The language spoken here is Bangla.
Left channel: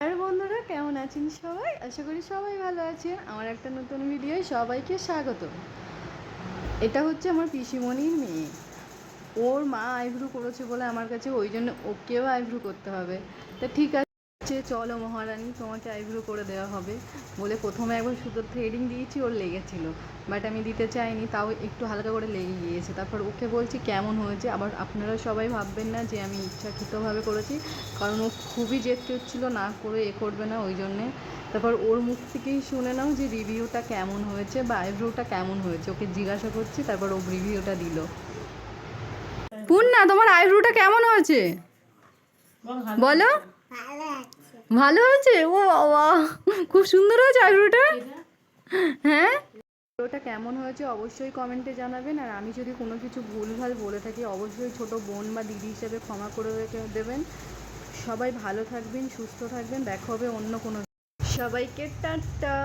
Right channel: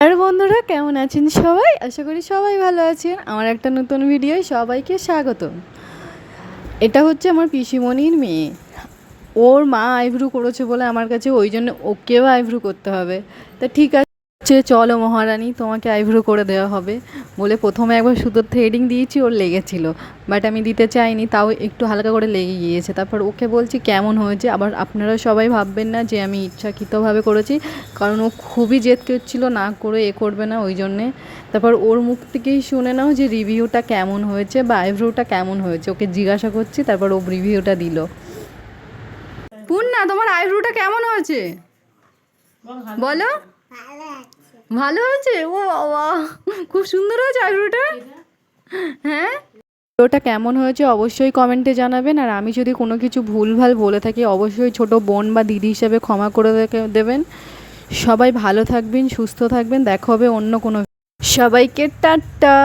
আর বন্ধুরা কেমন আছেন সবাই? আশা করি সবাই ভালো আছেন। আমার একটা নতুন ভিডিও সবাইকে স্বাগত। এটা হচ্ছে আমার পিসিমণির মেয়ে। ওর মা আইব্রু করেছে বলে আমার কাছে, ওই জন্য ওকেও আইব্রু করতে হবে। তা ঠিক আছে, চলো মহারানী, তোমাকে আইব্রু করে দেওয়া হবে বলে প্রথমে একবার সুতোর থ্রেডিং দিয়েছি, ওর লেগেছিল, বাট আমি দিতে চাইনি, তাও একটু হালকা করে লেগে গিয়েছে। তারপর ওকে বলছি কেমন হয়েছে। আবার আপনারা সবাই ভাববেন না যে আমি ইচ্ছাকৃতভাবে করেছি, কারণ ও খুবই জেদ করছিল না করে করবে না, ওই জন্যে। তারপর ওর মুখ থেকেই শুনে নাও যে রিভিউটা কেমন হয়েছে বা আইব্রোটা কেমন হয়েছে। ওকে জিজ্ঞাসা করছি, তারপর ও রিভিউটা দিল। পূর্ণা, তোমার আইব্রোটা কেমন হয়েছে বলো? ভালো হয়েছে? ও বাবা, খুব সুন্দর হয়েছে আইব্রোটা। হ্যাঁ, ওটা কেমন হয়েছে অবশ্যই কমেন্টে জানাবেন। আর আমি যদি কোনো কিছু ভুলভাল বলে থাকি, অবশ্যই ছোট বোন বা দিদি হিসেবে ক্ষমা করে দেবেন। সবাই ভালো থাকবেন, সুস্থ থাকবেন। দেখা হবে অন্য কোনো। সবাইকে টাটা।